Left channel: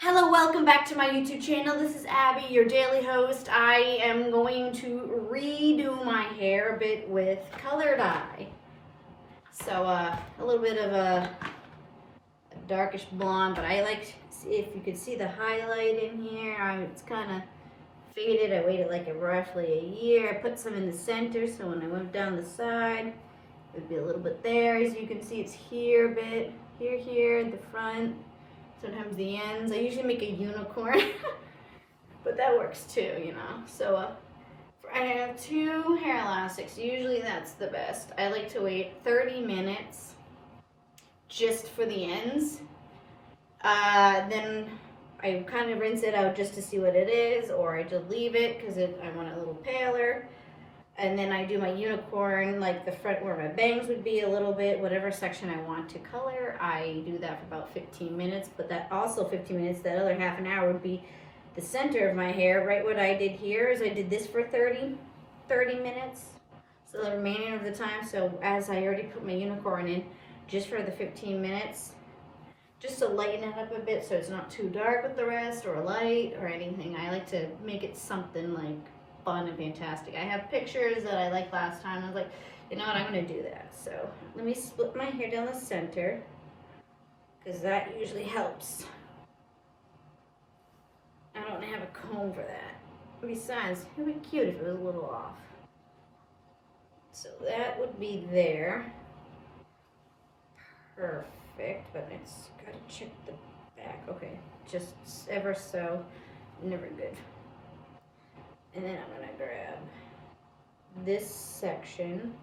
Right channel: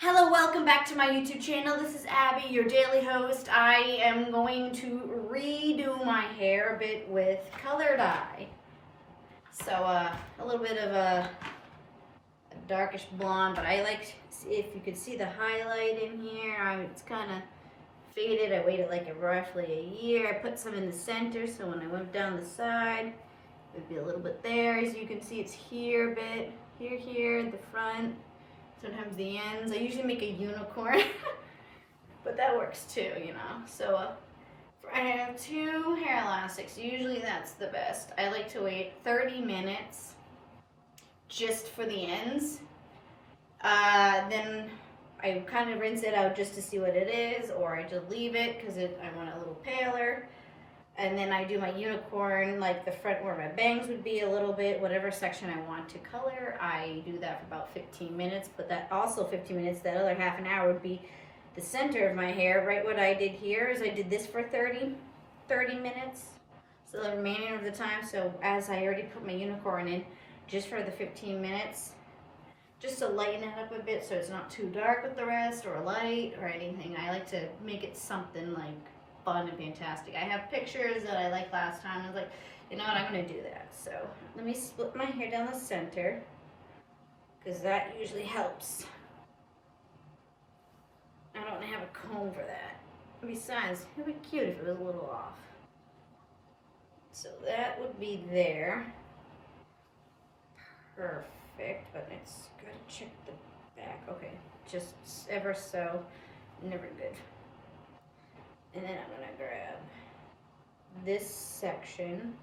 Hello, welcome back to my YouTube channel. This is Abby, your daily host. I am going to redo my hair a bit with color dye. So a little bit of a darkish blonde, but I like, if you could see the highlight in here, it's kind of faded. I waited like roughly a year. I put some in the center, so when I went down the side, it would be a little bit there. As you can see, it's here a bit, here at the front. Sometimes the ends. I usually make a unicorn, but that works too, you know. So I have 2 hair elastics. Usually that's the best. I like to wait 30 minutes just for the ends. Then I kind of rinse it out just to see what it is, or I just leave it because I want it a little paler. And then I do my unicorn, like the front where my bangs would be a little bit, whatever section I want to color. I do that for about 15 minutes, but that also 15 minutes, that other half an hour would be the center of my hair. Right, what I did here is I did this for 30 minutes. So the remaining of the time, so as I already put my unicorn in, just for the 15 minutes, just to lighten it up a bit so it's not too dark with the rest or light or anything. I like to make it something like fun and fantastic. I have pictures that I liked last time. I was like, you know what, I'm gonna do that. So let me split my hair down the center because that usually helps. I don't have a comb for that. Besides, it would be cute if it was a little off. So that would be there. Perfect, but it's gotta check the back. Okay, just ever so, never good. And then I'm gonna grab this section.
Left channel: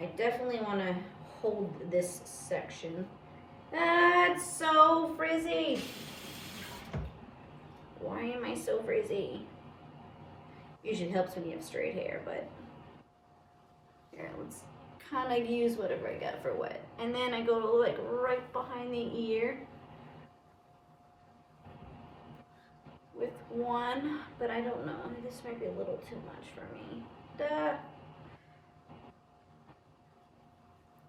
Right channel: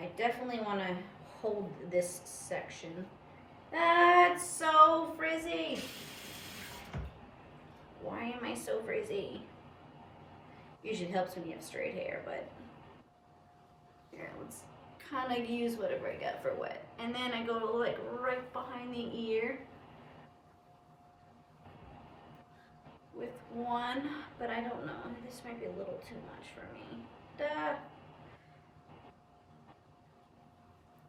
I definitely want to hold this section. That's so frizzy. Why am I so frizzy? Usually helps when you have straight hair, but here, let's kind of use whatever I got for wet. And then I go like right behind the ear with one, but I don't know. This might be a little too much for me. Duh.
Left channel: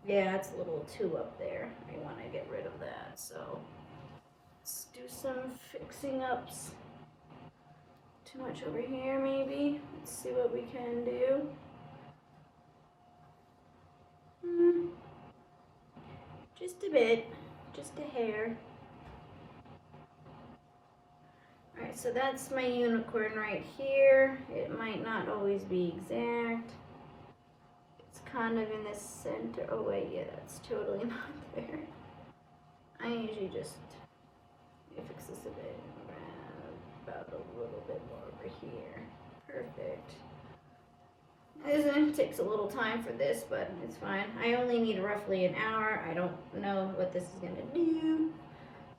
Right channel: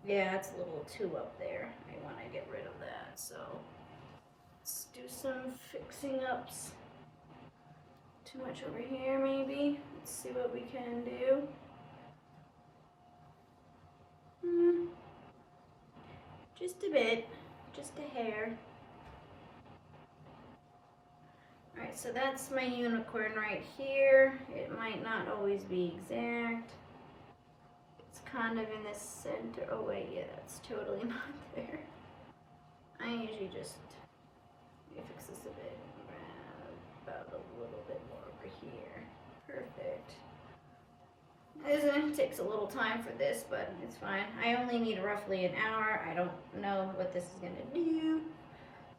Yeah, it's a little too up there. I want to get rid of that. So let's do some fixing ups. Too much over here, maybe. Let's see what we can do. Just a bit, just a hair. Alright, so that's my unicorn right here. It might not always be exact. It's kind of in the center. Oh wait, yeah, that's totally not there. I usually just fix this a bit. About a little bit more over here. Perfect. It takes a little time for this, but it's fine. I only need roughly an hour. I don't know what this is going to do.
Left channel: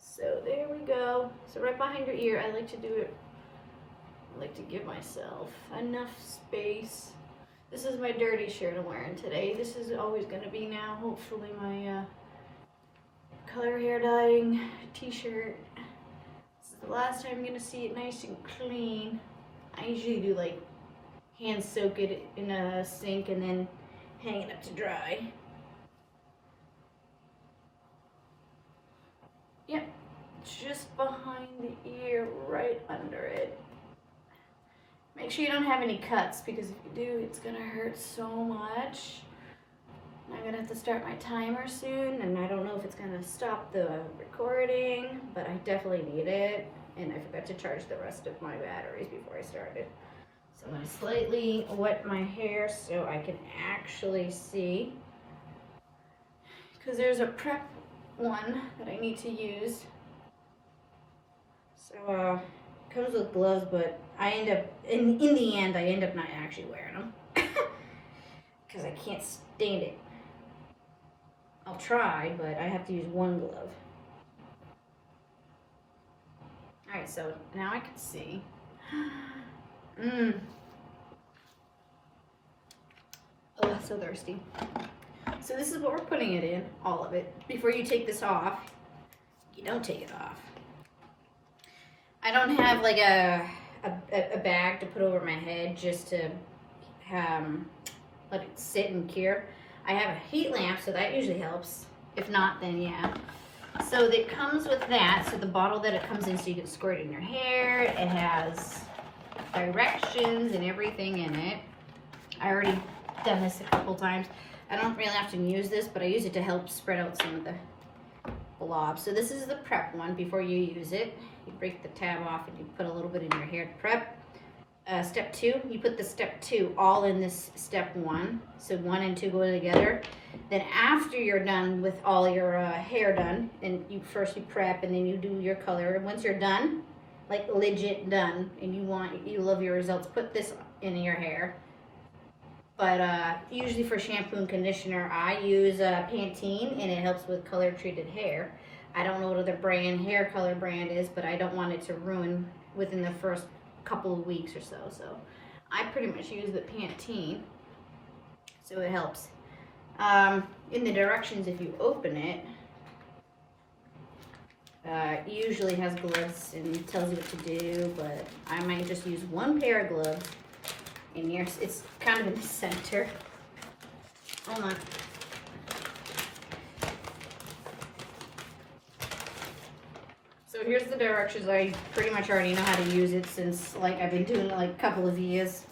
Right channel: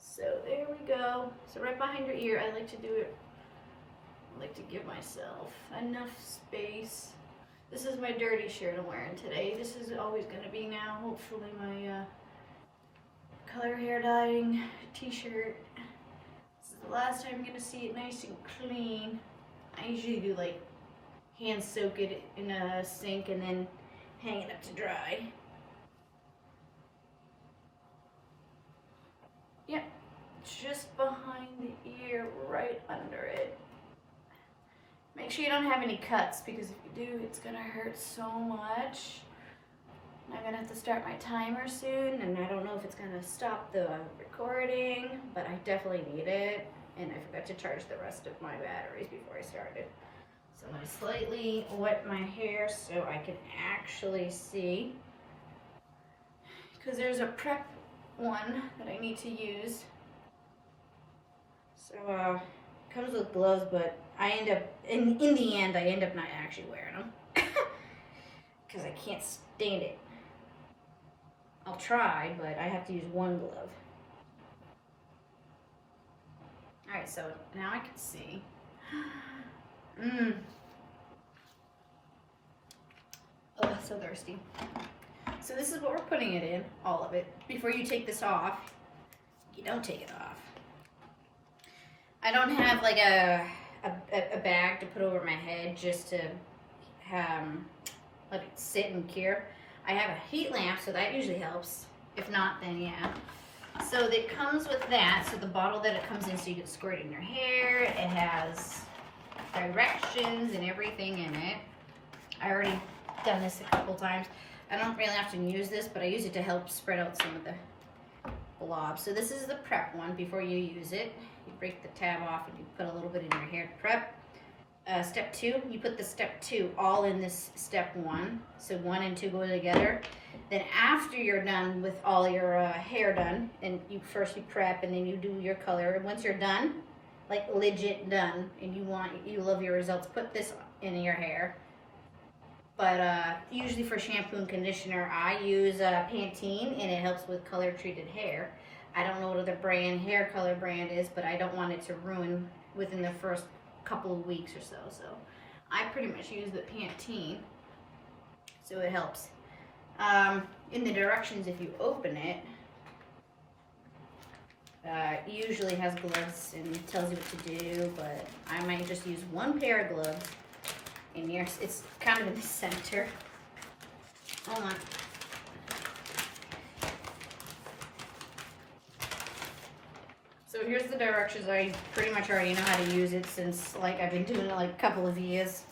So there we go. So right behind your ear, I like to do it, I like to give myself enough space. This is my dirty shirt I'm wearing today. This is always going to be now, hopefully, my color hair dyeing t-shirt. This is the last time I'm going to see it nice and clean. I usually do like hand soak it in a sink and then hang it up to dry. Yep, just behind the ear, right under it. Make sure you don't have any cuts, because if you do, it's gonna hurt so much. I'm gonna have to start my timer soon, and I don't know if it's gonna stop the recording, but I definitely need it. And I forgot to charge the rest of my batteries before I started. So I'm gonna slightly wet my hair so I can actually see, because there's a prep one that I need to use. So it comes with gloves, but I end up in the end I end up not actually wearing them because I can't stand it. I'll try, but I have to use one glove. All right, so now I can see. Oh, that's so thirsty. So this is what we're putting it in, all of it. Before you take this off, you don't take it off. I don't have like a bag to put over my head just to let it sit and cure. I have a heat lamp, so that usually helps. If not, then yeah. So it comes with that. So the bottle that it comes in, so you can squirt it in your hair. It has directions and everything in it. I already done this a couple times. I don't really often use this, but I use it to help spread out some of the blobs. So this is the prep one. Before you use it, you break the tab off and you put a little bit in your hair to prep. Step 2, you put the step 2 all in this step 1. So 1 and 2 go together. Then after you're done with all your hair done, and you prep and then you do your color. And once you're done, like legit done, and you love your results, put this in your hair. But usually for shampoo and conditioner, I use Pantene, and it helps with color treated hair. I don't know what other hair color brand is, but I don't want it to ruin within the first couple of weeks or so. So I pretty much use the Pantene, so it helps. In the directions, if you open it, usually has gloves and tells you what to do, but I might just use one pair of gloves. And here's, it's kind of in the center. Hold on. So here's the directions. I pretty much already know how to use it since like I've been doing it like a couple of years.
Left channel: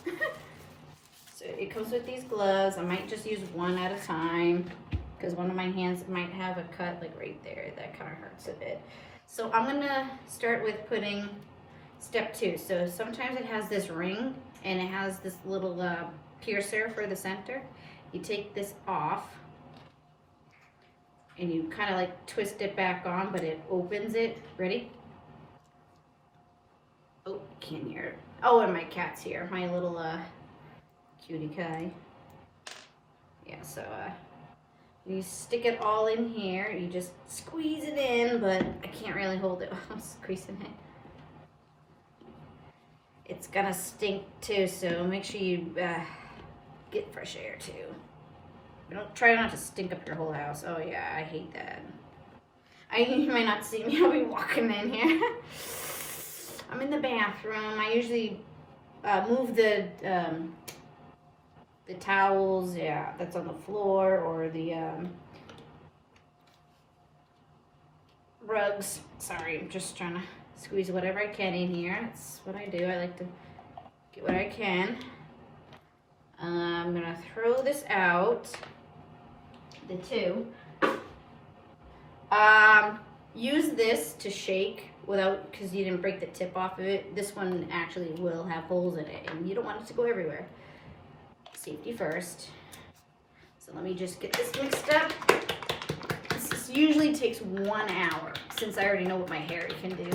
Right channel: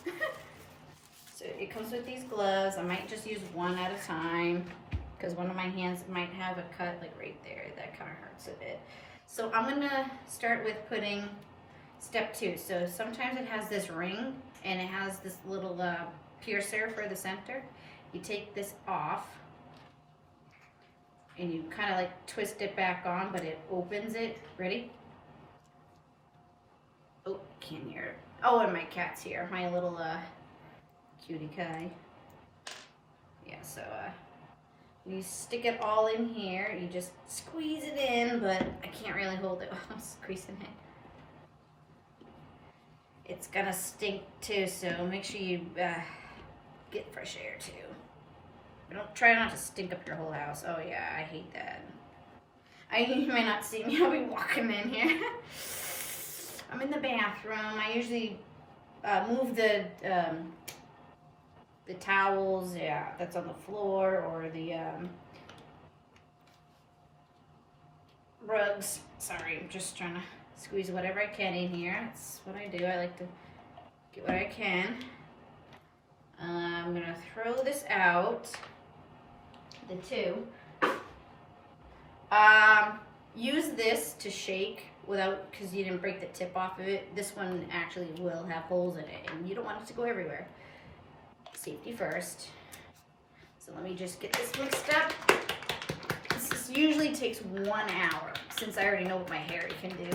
So it comes with these gloves. I might just use one at a time because one of my hands might have a cut like right there. That kind of hurts a bit. So I'm gonna start with putting step 2. So sometimes it has this ring and it has this little piercer for the center. You take this off and you kind of like twist it back on, but it opens it. Ready? Oh, can't hear it. Oh, and my cat's here. My little cutie guy. Yeah, so you stick it all in here. You just squeeze it in, but I can't really hold it while I'm squeezing it. It's gonna stink too, so make sure you get fresh air too. Don't try not to stink up your whole house. Oh yeah, I hate that. You might not see me. I'll be walking in here. I'm in the bathroom. I usually move the towels, yeah, that's on the floor, or the rugs. Sorry, I'm just trying to squeeze whatever I can in here. That's what I do. I like to get what I can. I'm gonna throw this out. The 2. Use this to shake without, because you didn't break the tip off of it. This one actually will have holes in it, and you don't want it to go everywhere. Safety first. So let me just get this mixed up. This usually takes 1 hour, since I already know what my hair can do.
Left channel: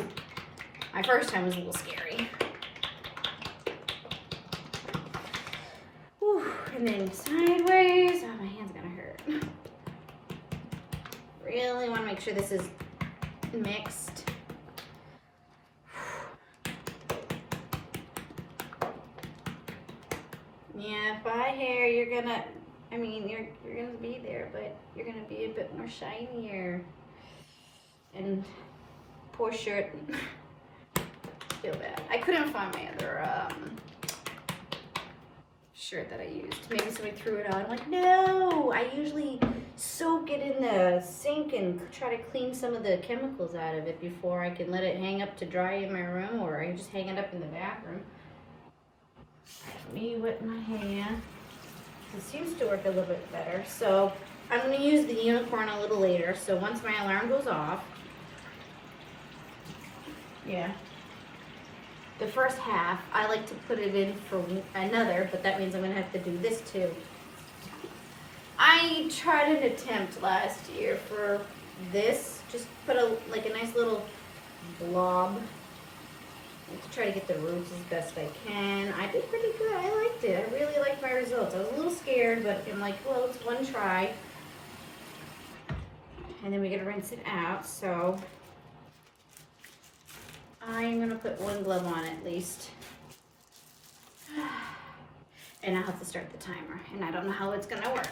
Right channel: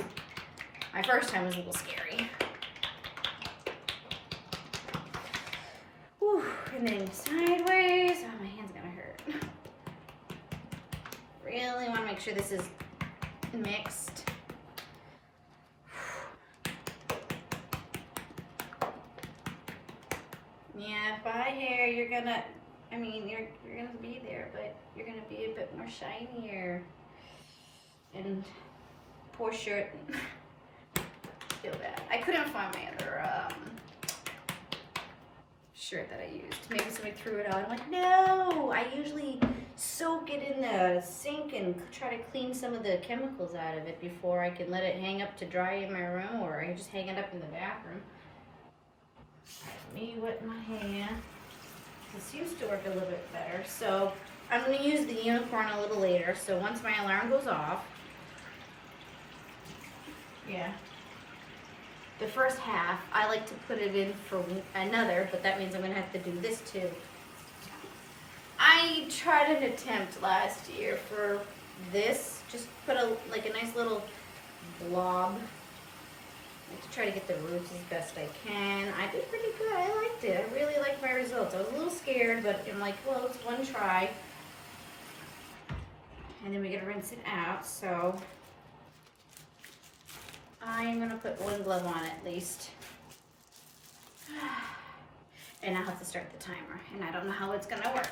My first time was a little scary. Whew. And then sideways. Oh, my hand's gonna hurt. Really want to make sure this is mixed. Yeah, by hair, you're gonna, I mean, you're gonna be there, but you're gonna be a bit more shinier. And poor shirt. Feel bad. I couldn't find my other shirt that I used. Maybe somebody threw it out. I'm like, no! I usually soak it in the sink and try to clean some of the chemicals out of it before I can let it hang up to dry in my room, or I just hang it up in the bathroom. Let me wet my hand. It seems to work a little bit better. So I'm going to use the unicorn a little later. So once my alarm goes off, yeah, the first half, I like to put it in for another, but that means I'm going to have to do this too. I tried an attempt last year for this. Just put a nice little blob. I like to try to get the roots as best I can. I did pretty good. I liked it. I really liked my results. I was a little scared, but I'm like, well, it's one try. And then we gotta rinse it out, so I'm gonna put one glove on at least. And I'll have to start the timer, and I don't know how it's gonna work.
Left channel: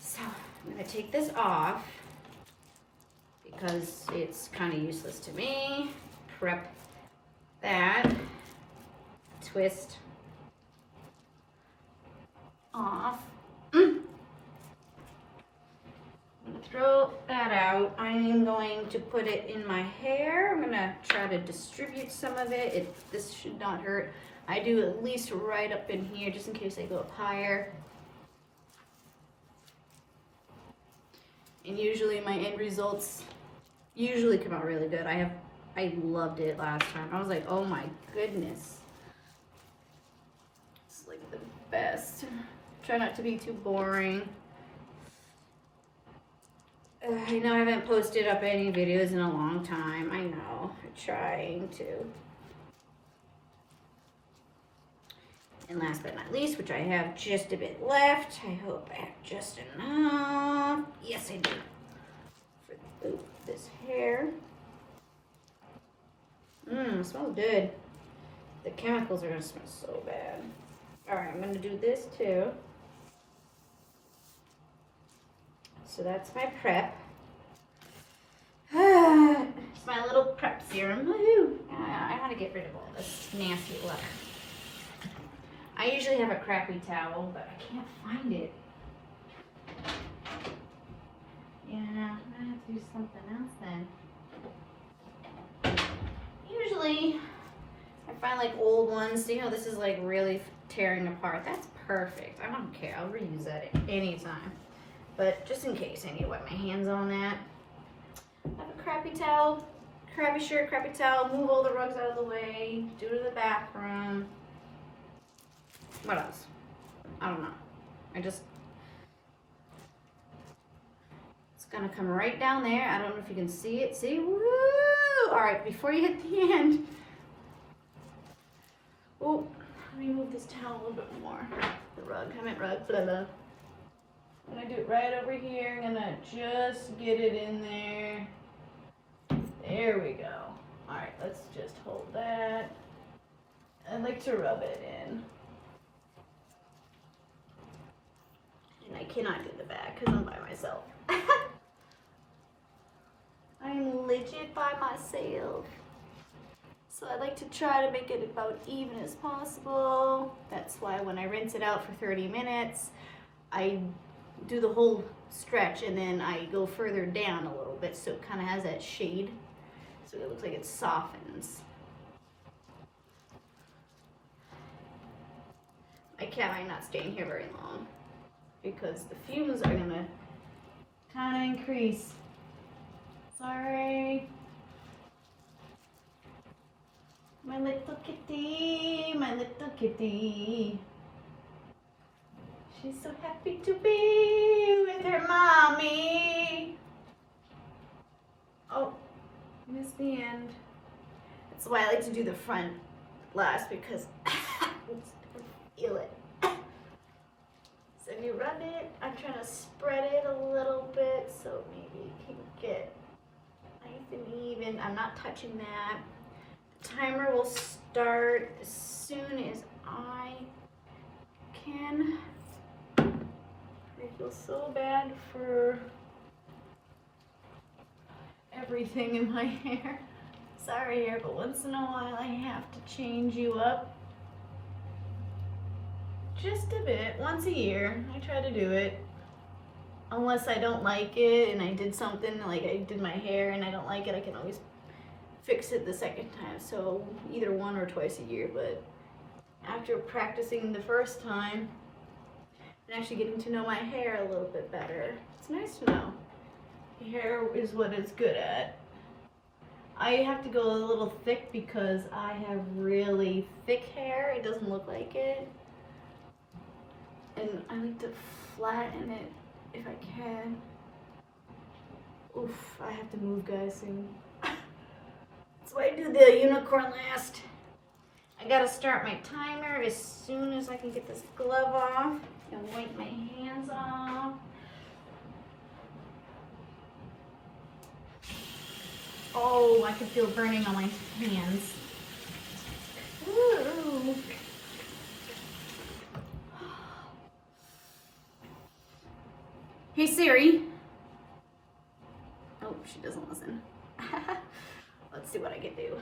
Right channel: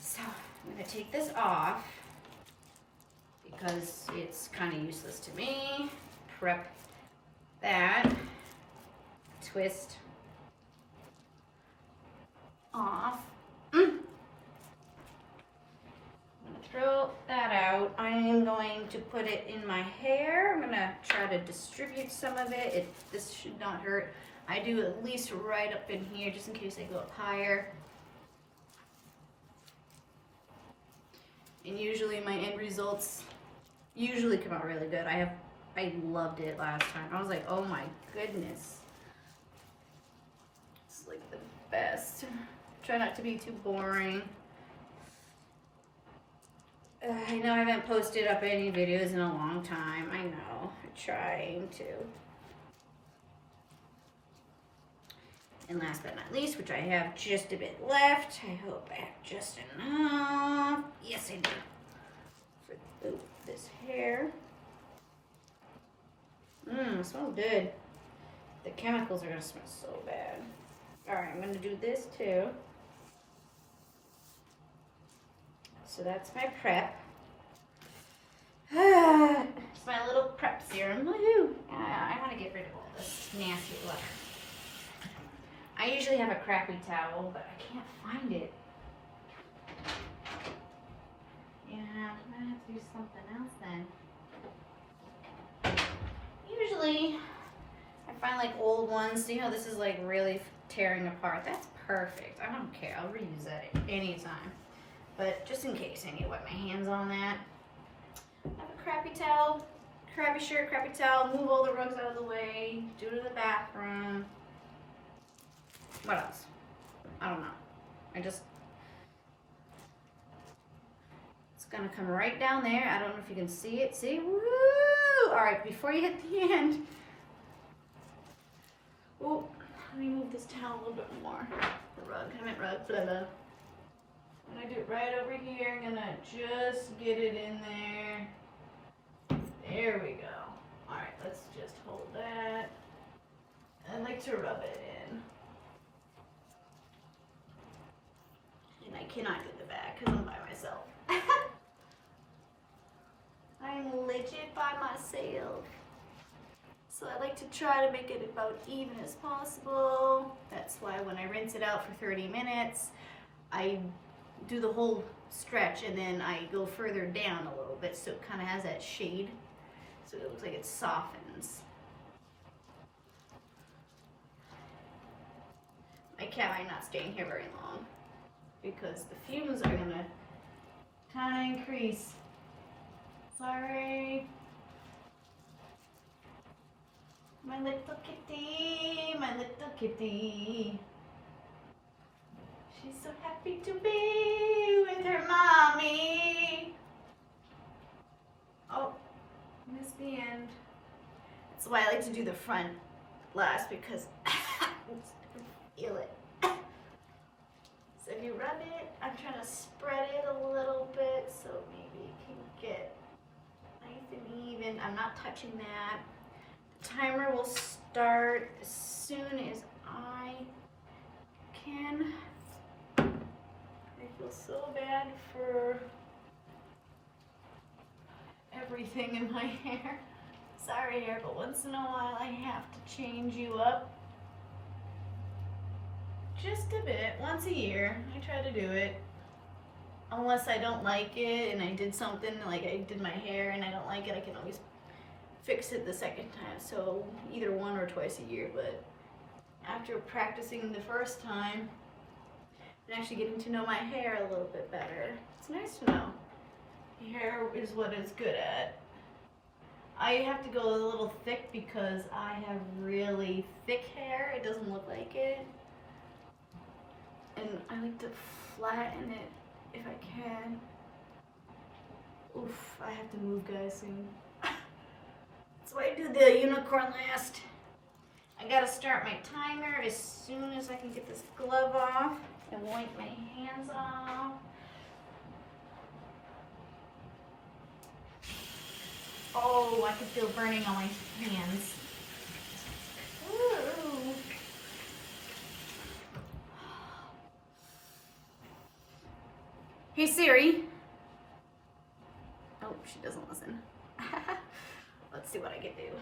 So I'm gonna take this off because it's kind of useless to me. Prep that, twist off. I'm gonna throw that out. I am going to put it in my hair. I'm gonna try to distribute some of it. This should not hurt. I do at least right up in here just in case I go up higher. And usually my end results usually come out really good. I loved it last time. I was like, oh my goodness. It's like the best. Try not to be too boring. I know I haven't posted up any videos in a long time. I know. I'm trying to. And last but not least, which I have just a bit left. I hope I have just enough. Yes, I do. For this hair. It smells good. The chemicals are gonna smell so bad. Alright, I'm gonna do this too. So that's my prep. It's my little prep serum. Woohoo! I gotta get rid of all this nasty look. I usually have a crappy towel, but I can't find it. Yeah, I'm gonna have to do something else then. Usually, I find like old ones. You know, this is like really tearing apart. That's perfect. I don't care. I'll reuse that at any time. But just in case I need to wipe my hands on that. I have a crappy towel, crappy shirt, crappy towel, move all the rugs out of the way, do to the bathroom. What else? I don't know. It's gonna come right down there. I don't know if you can see it. See? Woo! All right, before you hit the end. Oh, let me move this towel a little bit more. The rug, I meant rug, blah, blah. I'm gonna do it right over here. I'm gonna just get it in there. There we go. All right, let's just hold that. I like to rub it in. And I cannot do the back because I'm by myself. I'm legit by myself. So I like to try to make it about even as possible. That's why when I rinse it out for 30 minutes, I do the whole stretch and then I go further down a little bit so it kind of has that shade. So it looks like it softens. I might not staying here very long because the fumes are gonna kind of increase. Sorry. My little kitty, my little kitty. She's so happy to be with her mommy. Oh, missed the end. That's why I like to do the front last because I feel it. So if you rub it, I'm trying to spread it a little bit so maybe it can get nice and even. I'm not touching that. The timer will start as soon as I can. I feel so bad for everything in my hair. Sorry hair, but once in a while I have to change you up. Just a bit, once a year. I try to do it. Unless I don't like it and I did something, like I did my hair and I don't like it, I can always fix it the second time. So either one or twice a year, but after practicing the first time and actually getting to know my hair a little bit better, it's nice to know. Hair is what it's good at. I have to go a little thick because I have really thick hair. It doesn't look like it. And I like to flatten it if I can. Oof, I have to move guys soon. That's why I do the unicorn last. I gotta start my timer as soon as I can get this glove off and wipe my hands off. Oh, I can feel burning on my hands. Ooh. Hey Siri. Oh, she doesn't listen. Let's see what I can do.